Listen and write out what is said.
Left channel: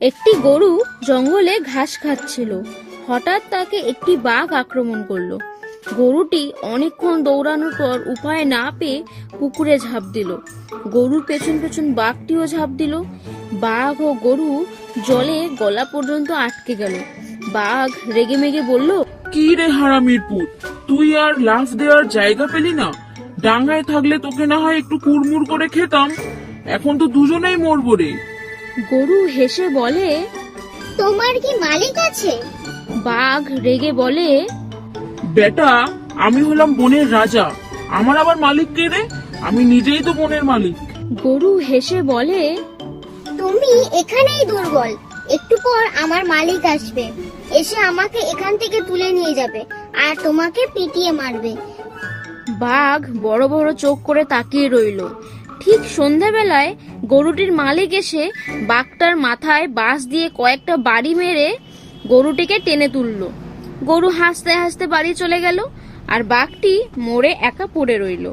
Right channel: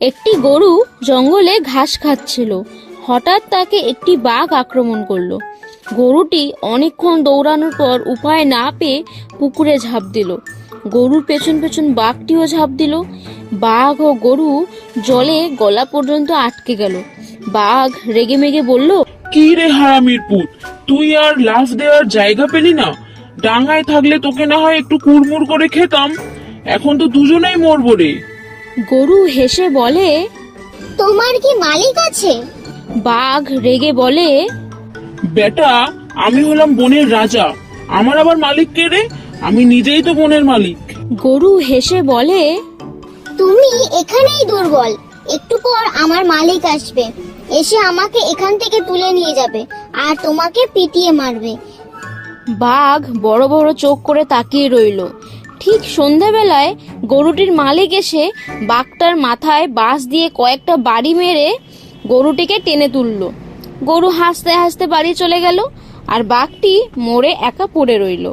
একটি গরু জঙ্গলে ঘাস খাচ্ছিল। হঠাৎ তাকে একটি বাঘ আক্রমণ করলো। গরুটি অনেকক্ষণ দৌড়ানোর পর উপায় না পেয়ে পুকুরে ঝাঁপ দিল। গরুর পেছন পেছন বাঘটিও ঝাঁপ দিল। বাঘ ও গরু জলে গলা পর্যন্ত আটকে গেল। বাঘ রেগেমেগে বলল, কি রে হারামির পুত, তুই আর লাফ দেওয়ার জায়গা পেলি না? ডাঙায় থাকলে তোকে না হয় একটু কুড়মুড় করে খেতাম, এখন তো দুজনেই মরবো রে। গরু হেসে বলে, তোমার কি মালিক আছে? বাঘ রেগে বলে, বেটা, আমি হলাম বনের রাজা, আমার আবার মালিক কে রে? আমি নিজেই তো বনের মালিক। গরু হেসে বলে, তুমি এখানেই দুর্বল, একটু পর আমার মালিক আসবে, এসে আমাকে এখান থেকে তুলে নিয়ে যাবে আর তোমাকে পিটিয়ে মারবে। বাঘ বড় বড় চোখ করে তাকিয়ে রইল। ঠিক সন্ধ্যাবেলায় গরুটির মালিক এসে বাঘটার মাথায় বাঁশ দিয়ে কয়েকটা বাড়ি মেরে গরুটিকে টেনে তুলল। গরু হাসতে হাসতে বাড়ি চলে গেল আর বাঘটি মরে একা পড়ে রইল।